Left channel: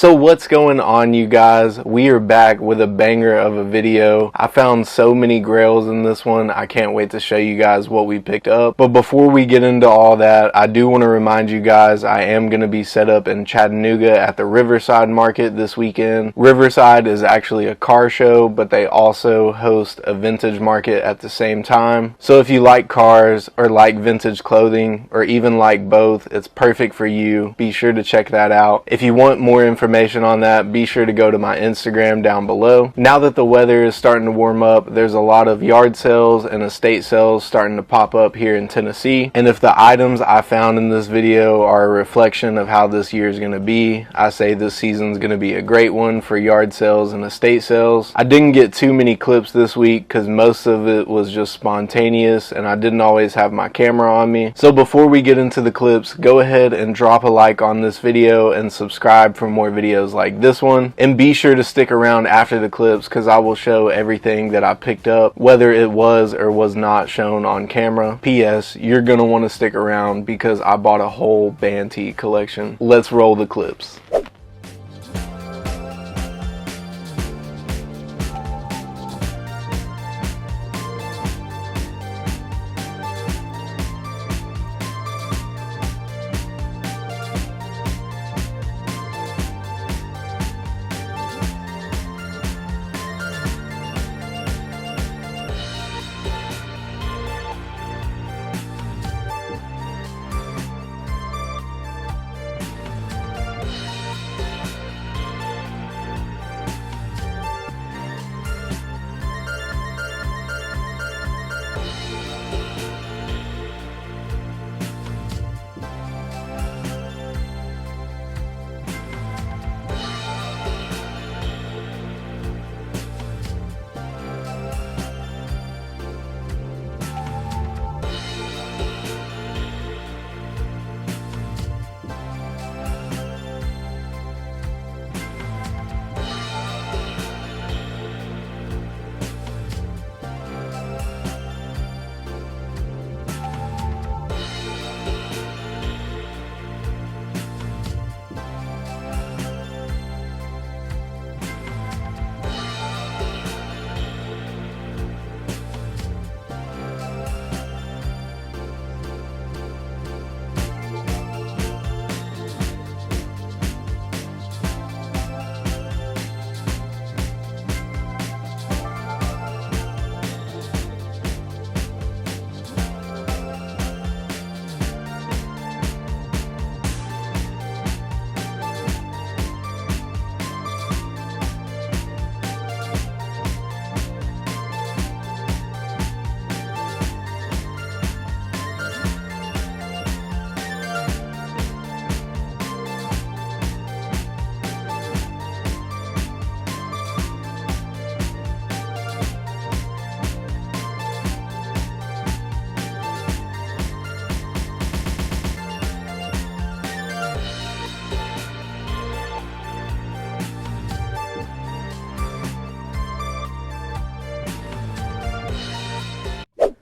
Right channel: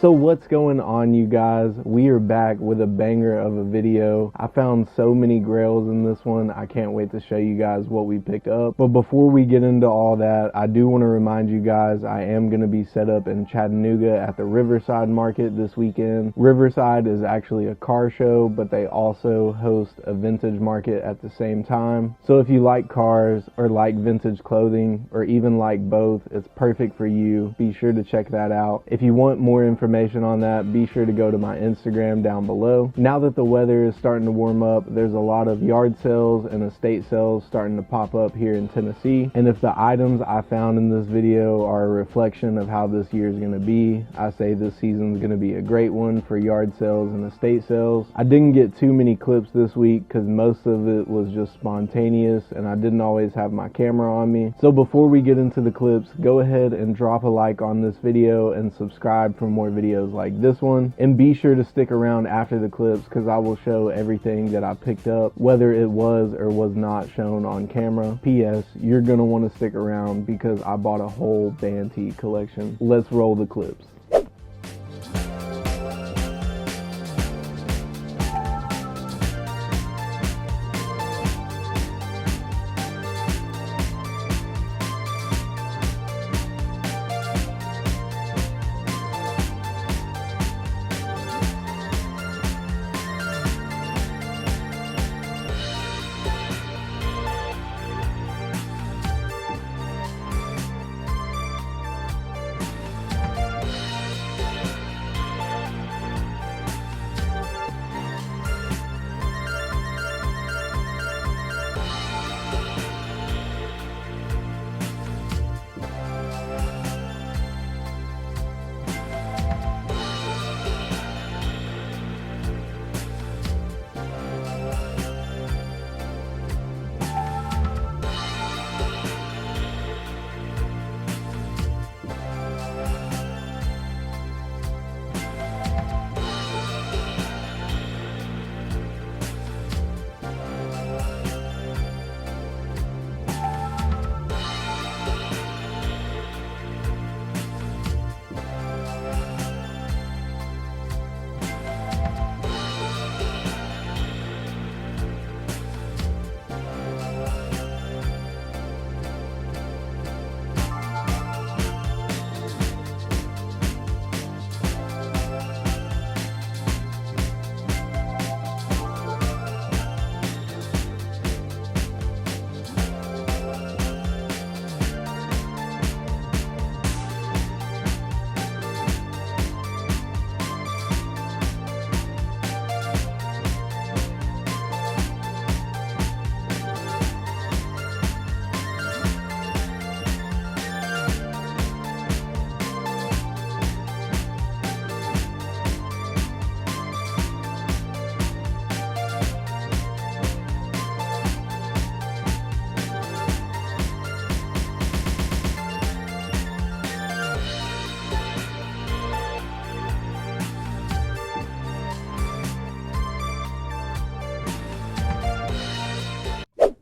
So what's going on, you guys? We are back with a banger of a video. I found so many grails in this one. I can't wait to show you guys what we picked up. But before we get into all that, I do want to remind you guys I am going to be set up in Chattanooga at the Riverside Market this weekend. Riverside is actually a car show, but they also host a vintage market at the same time. So if you like cars or like vintage clothing or even like both, it's perfect for you. Be sure to check that out. If you want more information on that, be sure to go to my Instagram down below. Now that the weather is starting to warm up, there's a lot of yard sales and estate sales starting to pop up here in Tennessee. And if the items I found in this video are a reflection of how this year is going to be, I say this season is going to be a great one for yard sales and estate sales. I didn't get too many clips this week because most of it was just spontaneous and I didn't always have my camera on me. So before we get into the clips, go ahead and drop a like on this video and subscribe for more videos like this one, and be sure to stick around after the clips because I will show everything that I picked up, whether it was or was not shown on camera. P.S. You're gonna want to stick around because I bought a whole Banty collection. Let's roll the clips.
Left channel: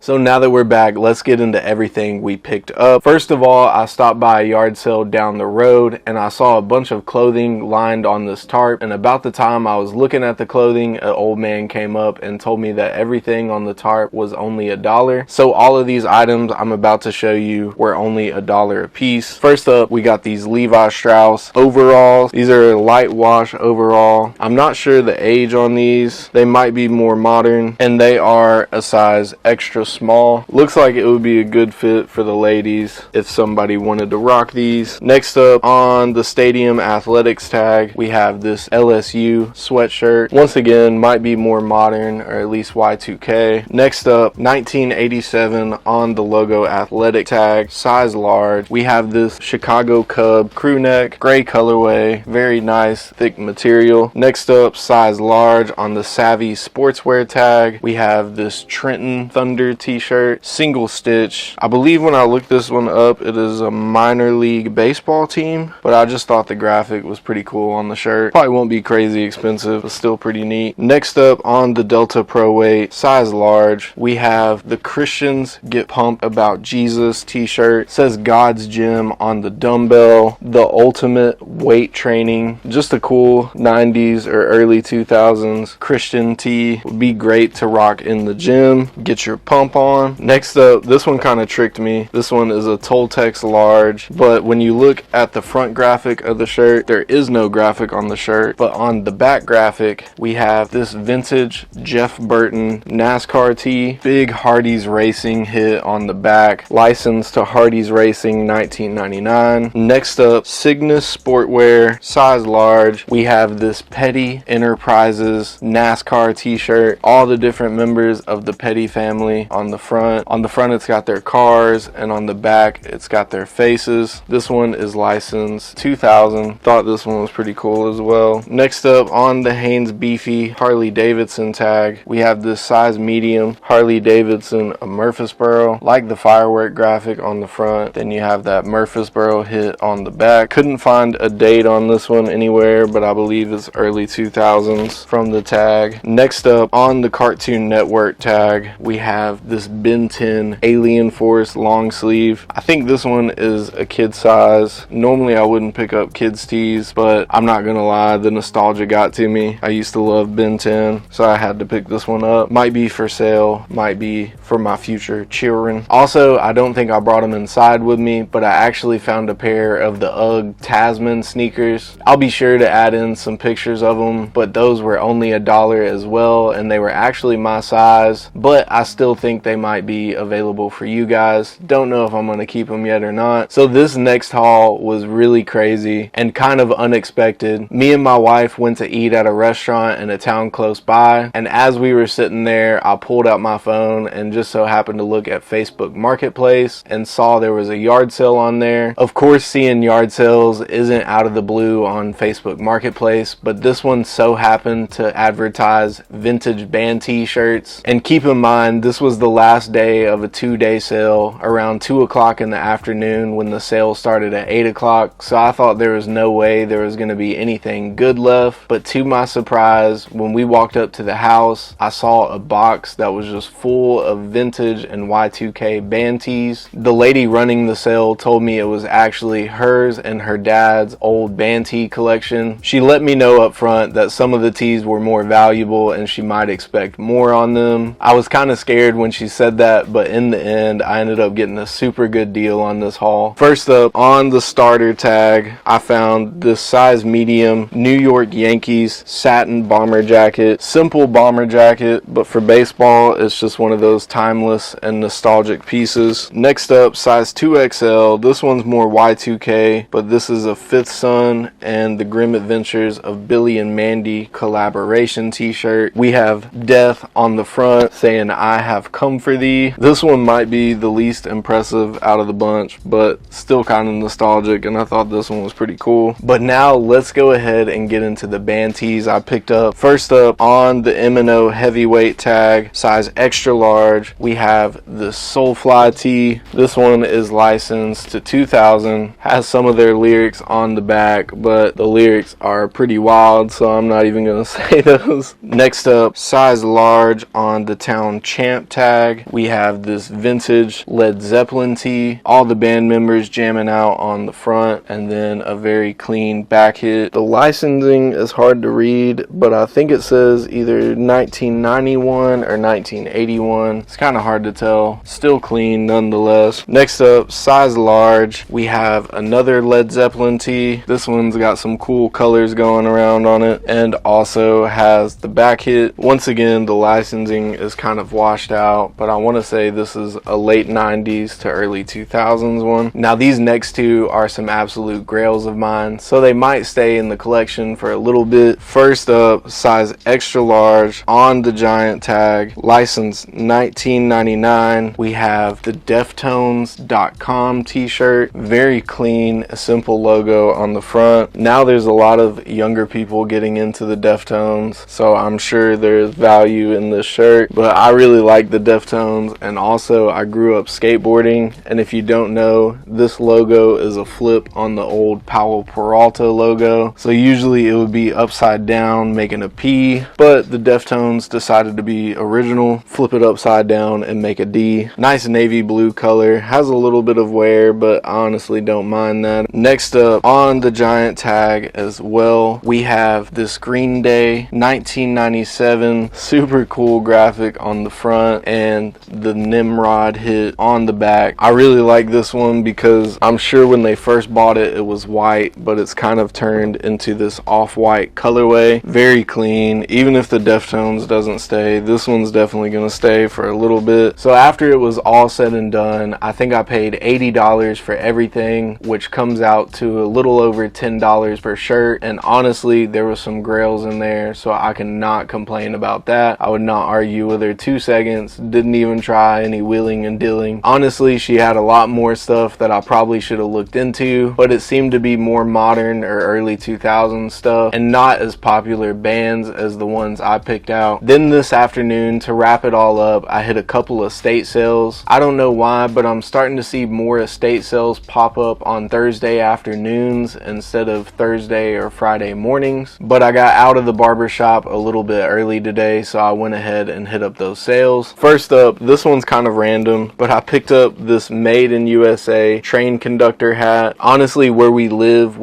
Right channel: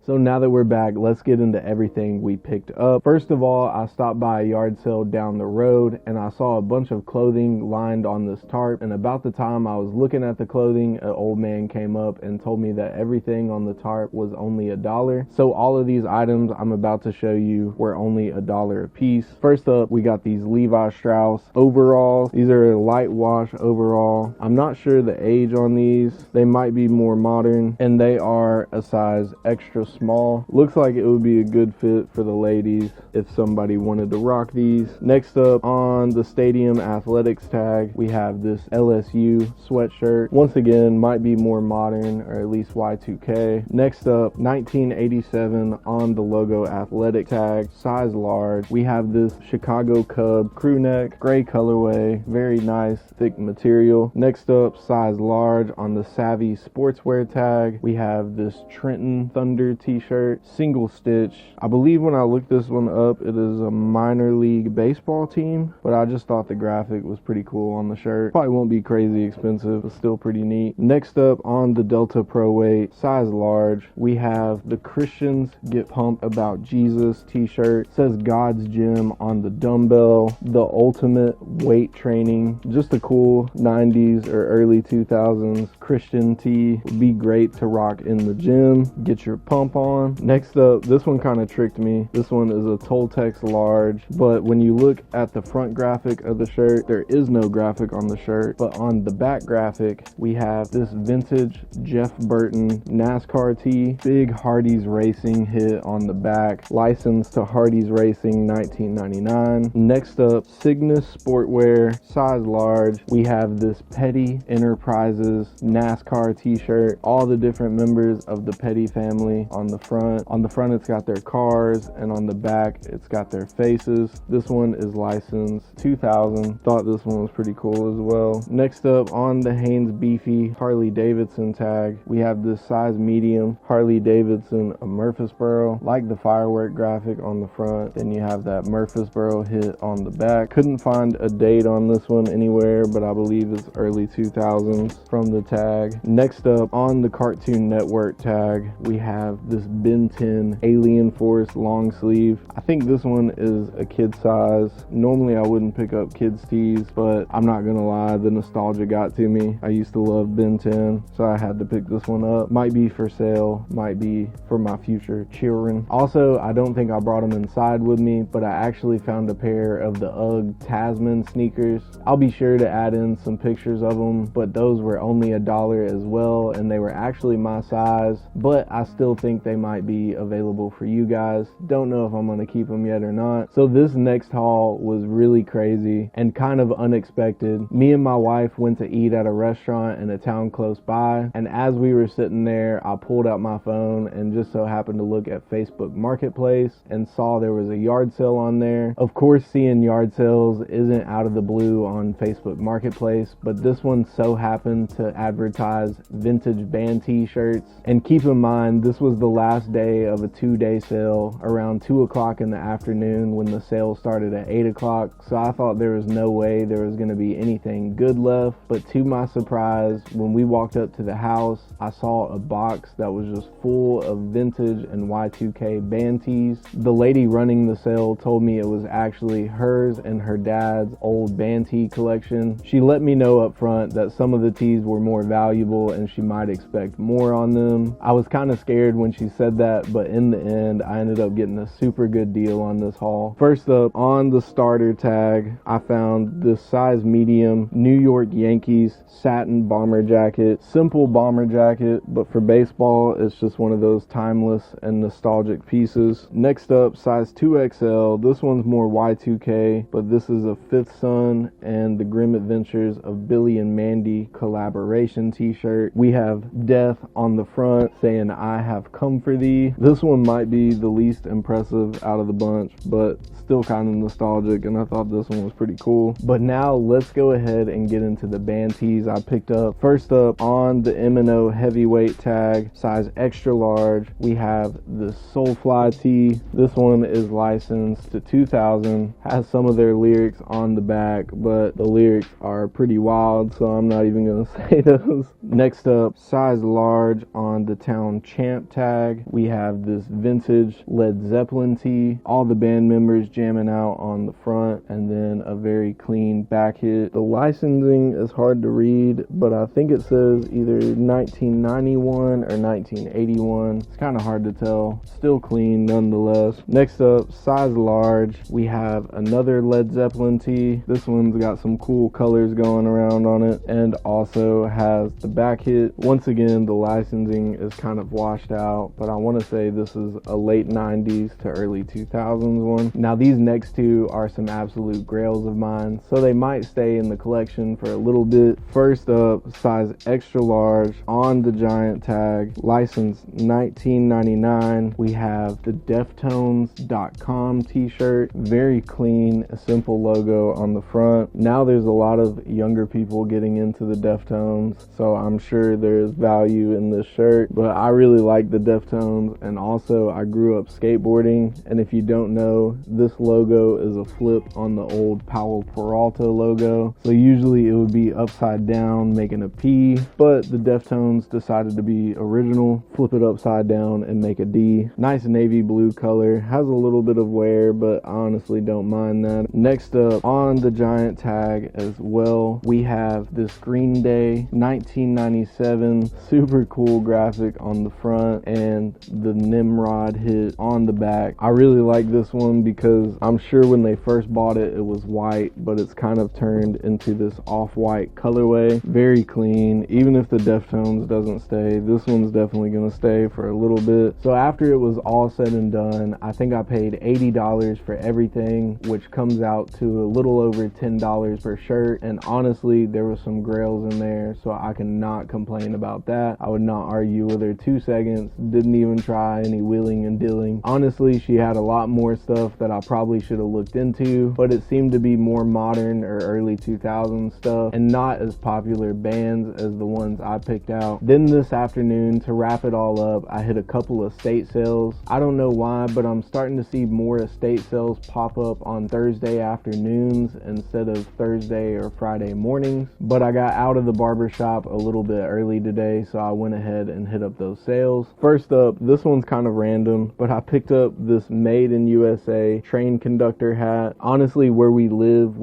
So now that we're back, let's get into everything we picked up. First of all, I stopped by a yard sale down the road and I saw a bunch of clothing lined on this tarp, and about the time I was looking at the clothing, an old man came up and told me that everything on the tarp was only $1. So all of these items I'm about to show you were only $1 a piece. First up, we got these Levi Strauss overalls. These are light wash overall. I'm not sure the age on these. They might be more modern, and they are a size extra small. Looks like it would be a good fit for the ladies if somebody wanted to rock these. Next up, on the Stadium Athletics tag, we have this LSU sweatshirt. Once again, might be more modern, or at least Y2K. Next up, 1987 on the logo athletic tag, size large. We have this Chicago Cub crew neck, gray colorway, very nice thick material. Next up, size large on the Savvy sportswear tag, we have this Trenton Thunder t-shirt, single stitch. I believe when I looked this one up, it is a minor league baseball team, but I just thought the graphic was pretty cool on the shirt. Probably won't be crazy expensive, but still pretty neat. Next up on the Delta Pro Weight, size large, we have the Christians Get Pumped About Jesus t-shirt. It says God's Gym on the dumbbell, the ultimate weight training. Just a cool 90s or early 2000s Christian tee. Would be great to rock in the gym, get your pump on. Next up, this one kind of tricked me. This one is a Toltex large, but when you look at the front graphic of the shirt, there is no graphic on the shirt, but on the back graphic, we have this vintage Jeff Burton NASCAR tee, big Hardee's Racing hit on the back, licensed to Hardee's Racing 1999. Next up, Cygnus Sportwear, size large. We have this Petty Enterprises NASCAR t-shirt, all the different members of the Petty family on the front. On the front, it's got their cars, and on the back, it's got their faces. This one is licensed 2000. Thought this one was pretty cool as well. Next up, on the Hanes Beefy Harley Davidson tag, we have this size medium Harley Davidson Murfreesboro, like the firework graphic on the front. Then you have that Murfreesboro hit on the back. Couldn't find a date on this one anywhere, but I believe it's early 2000s from the tag. Next up, on the Cartoon Network tag, we have this Ben 10 Alien Force long sleeve. I think this one is a kid size. Normally I wouldn't pick up kids tees, but I'm not gonna lie, the nostalgia got to me. I used to love Ben 10, so I had to pick this one up. Might be for sale, might be for my future children. Also, I don't think I brought them inside with me, but I actually found a pair of the UGG Tasman sneakers. I'll be sure to add in some pictures of them, but those were only $1 as well, and they were actually my size, but I still think they might be available for you guys. Don't know if I'm gonna keep them yet or not. So this next haul was really crazy and kind of unexpected. Me and my wife went to eat at a restaurant in a town close by, and as we were sitting there, I pulled out my phone and just so happened to look at Facebook Marketplace and saw there was a yard sale on there. Of course, seeing yard sales isn't out of the blue on Facebook Marketplace, but this one so happened to advertise vintage band t-shirts. And keep in mind, this was the last day of a 2-day sale around 2 o'clock in the afternoon when the sale started at 8 o'clock. So I thought there was no way there was going to be anything good left. But to my surprise, when we walked up to the house, I saw a box that was just full of vintage and Y2K band tees. The lady running the sale told me it was actually hers and her dad's old band tee collection. She let me know up front that some of the tees were more valuable and she might expect more on them. I was kind of scared when she said that, but in the end, I ended up getting a super good deal on this haul. First up, on the starter tag, I found this size medium New York Yankees satin bomber jacket. Simple bomber jacket, but for baseball, it's just one of those timeless and nostalgic pieces. Next up, size 2XL. This one's more Y2K, but this is a Fifth Son and the Grim Adventures of Billy and Mandy collaboration t-shirt. We have death on the front saying, "I have come for thee." This one might be the least impressive out of the bunch, but still kind of nostalgic, and I thought this one was pretty cool. But now let's go ahead and get into the band tees I picked up. First up, on the M&O heavyweight tag, size extra large, we have the Soulfly tee. This one is licensed to 2000, has some of their lyrics on the back, but the lyrics are pretty wild, so I'm not even gonna say those. Next up, size large on the Town Champ tag, we have this vintage Led Zeppelin tee, all the band members jamming out on the front, and then a very clean back hit. The licensing is hard to read, but I think it says either 1991 or 1981. It's kind of hard to tell. Still clean nonetheless. Next up, size large, we have another Led Zeppelin tee. This one's got some cool colors going around on it and also has the back hit. Once again, the licensing is kind of washed out, but I want to say this is a late 90s to early 2000s one. Now these next two are some absolute grails of mine, so they might stay in the collection for a little bit. First up, size extra large on the Giant tag, licensed 1999. We have the Deftones.com t-shirt, very clean, a simple logo on the front. Now there's a lot of younger people getting into the Deftones, so I'm sure there's value in this shirt, but I really like the Deftones, and also I grew up skateboarding. And if you don't know, this logo is a flip on the old Powell Peralta logo. So usually it would be upside down making a P, but the Deftones decided to be original, flip it upside down and make a D. Nice navy blue color, has a little bit of wear, but I honestly don't mind that. Next up on the giant tag as well, we have this Green Day 1997 super cool graphic on the front and the Nimrod hit on the back. I really like this one because I'm sure when they first bought it, it was white, but it's kind of turned into this off-white colorway. Very clean. Even if the Deftones doesn't stay, this one's definitely gonna stay for a little bit. So after it was all said and done, I think I paid $80 for everything, which comes out to a little over $10 per shirt. And honestly, there was some grails in there, so I cannot complain about that. I would not argue with her 2 seconds. Didn't even try any wheeling and dealing. Honestly, she had a lot more stuff that I probably should have looked into, but it seemed to be more modern or early 2000s stuff and not as popular bands as the ones I picked out. Then this afternoon, to wrap it all up, I hit a couple estate sales. I don't know why, but I'm starting to see more estate sales pop up on Thursday afternoons instead of Thursday or Friday mornings. But I got out of the barber shop a little bit early today, so I went ahead and hit up those sales. First up, this one's kind of random, but I picked up this Made in USA train conductor hat. Honestly, where we live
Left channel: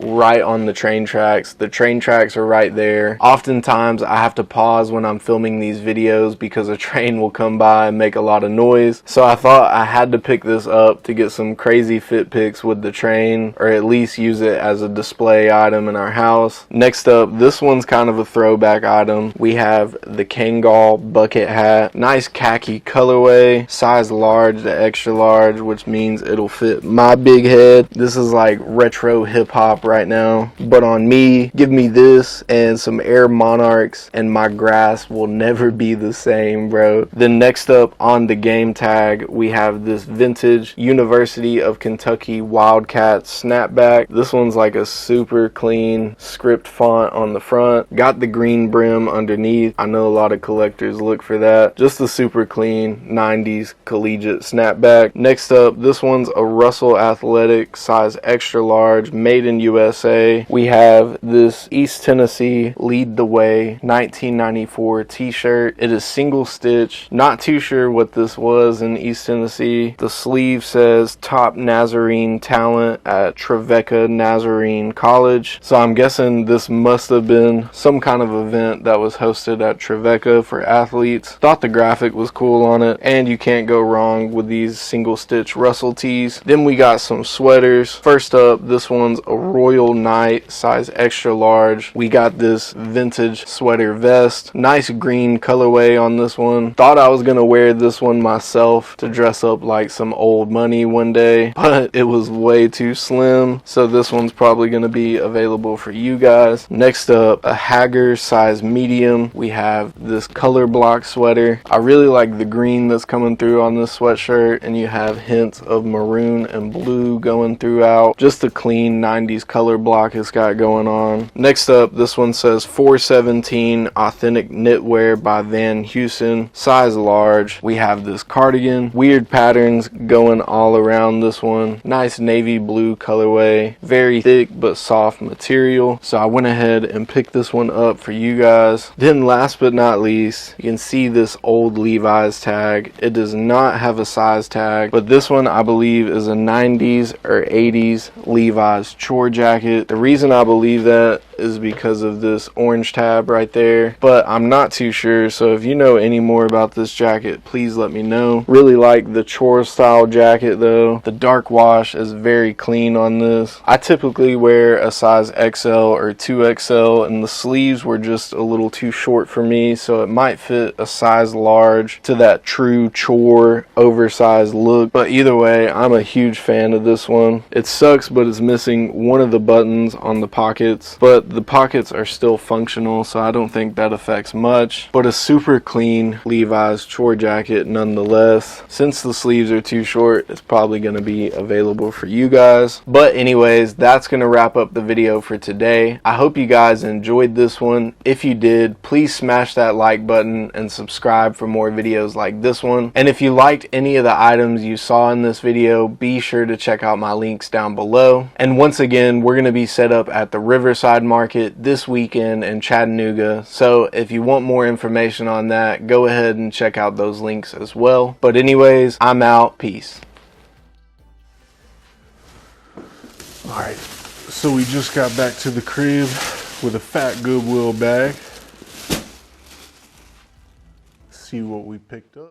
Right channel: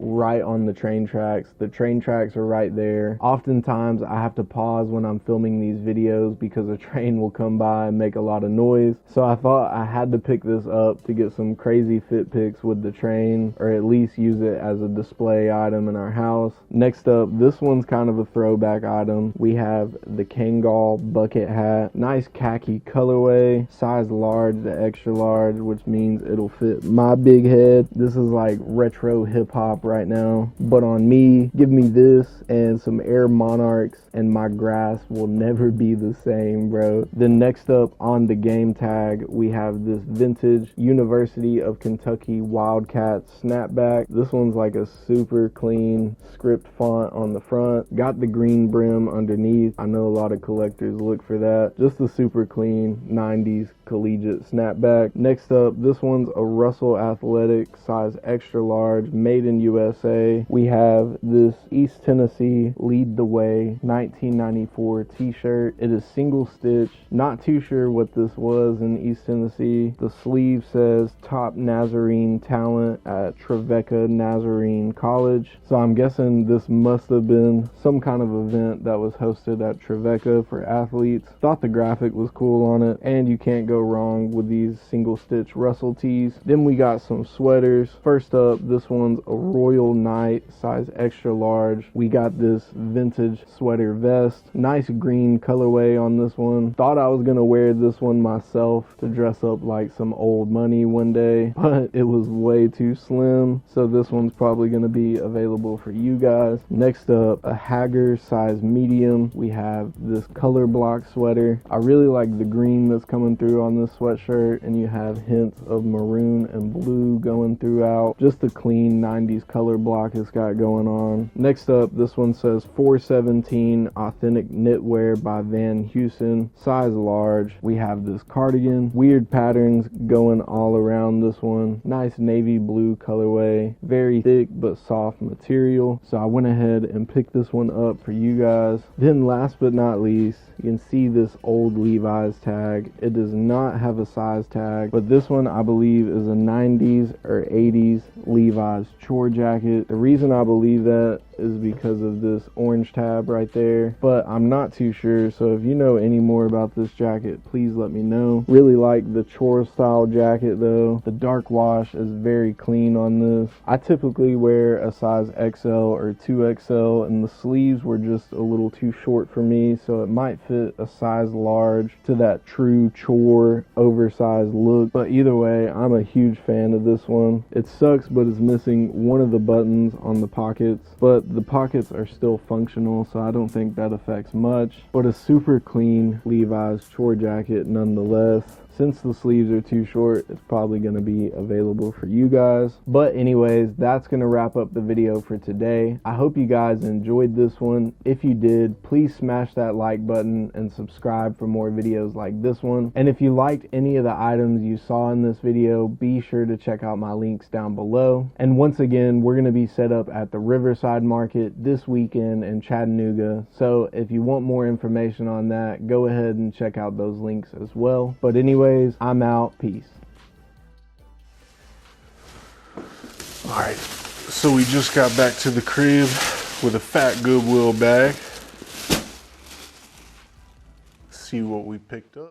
right on the train tracks. The train tracks are right there. Oftentimes I have to pause when I'm filming these videos because a train will come by and make a lot of noise. So I thought I had to pick this up to get some crazy fit pics with the train, or at least use it as a display item in our house. Next up, this one's kind of a throwback item. We have the Kangol bucket hat. Nice khaki colorway, size large to extra large, which means it'll fit my big head. This is like retro hip hop right now, but on me, give me this and some Air Monarchs and my grass will never be the same, bro. Then next up on the game tag, we have this vintage University of Kentucky Wildcat snapback. This one's like a super clean script font on the front. Got the green brim underneath. I know a lot of collectors look for that. Just a super clean 90s collegiate snapback. Next up, this one's a Russell Athletic size extra large, made in USA. We have this East Tennessee Lead the Way 1994 t-shirt. It is single stitch. Not too sure what this was in East Tennessee. The sleeve says top Nazarene talent at Trevecca Nazarene College. So I'm guessing this must have been some kind of event that was hosted at Trevecca for athletes. Thought the graphic was cool on it, and you can't go wrong with these single stitch Russell tees. Then we got some sweaters. First up, this one's a Royal Knight size extra large. We got this vintage sweater vest. Nice green colorway on this one. Thought I was gonna wear this one myself to dress up like some old money one day, but it was way too slim, so this one's probably gonna be available for you guys. Next up, a Hagger size medium. We have this color block sweater. I really like the green that's coming through on this sweatshirt, and you have hints of maroon and blue going throughout. Just a clean 90s color block it's got going on. Next up, this one says 417 authentic knitwear by Van Heusen, size large. We have this cardigan, weird patterns going all around this one. Nice navy blue colorway, very thick but soft material. So I went ahead and picked this one up for you guys. Then last but not least, you can see this old Levi's tag. It does not have a size tag, but this one I believe is a 90s or 80s Levi's chore jacket. The reason I believe that is because of this orange tab right there, but I'm not too sure. So if you know any more about this jacket, please let me know. Really like the chore style jacket though. The dark wash is very clean on this. I typically wear a size XL or 2XL, and the sleeves were just a little too short for me, so it might fit a size large to that true chore oversized look. But either way, I'm a huge fan of this one. It sucks, but it's missing one of the buttons on the pockets, but the pockets are still functional, so I don't think that affects much. But a super clean Levi's chore jacket nonetheless. Since the sleeves are too short, it's probably going to be available for you guys. But anyways, that's going to wrap up the video for today. I hope you guys enjoyed this one. If you did, please smash that like button and subscribe for more more videos like this one. And if you liked any of the items you saw in this video, be sure to check out my links down below. And once again, we're going to be set up at the Riverside Market this weekend in Chattanooga. So if you want more information on that, go ahead and check out those links as well. But anyways, I'm out. Peace. All right, so we just got back to the crib with a fat Goodwill bag. See what we picked up.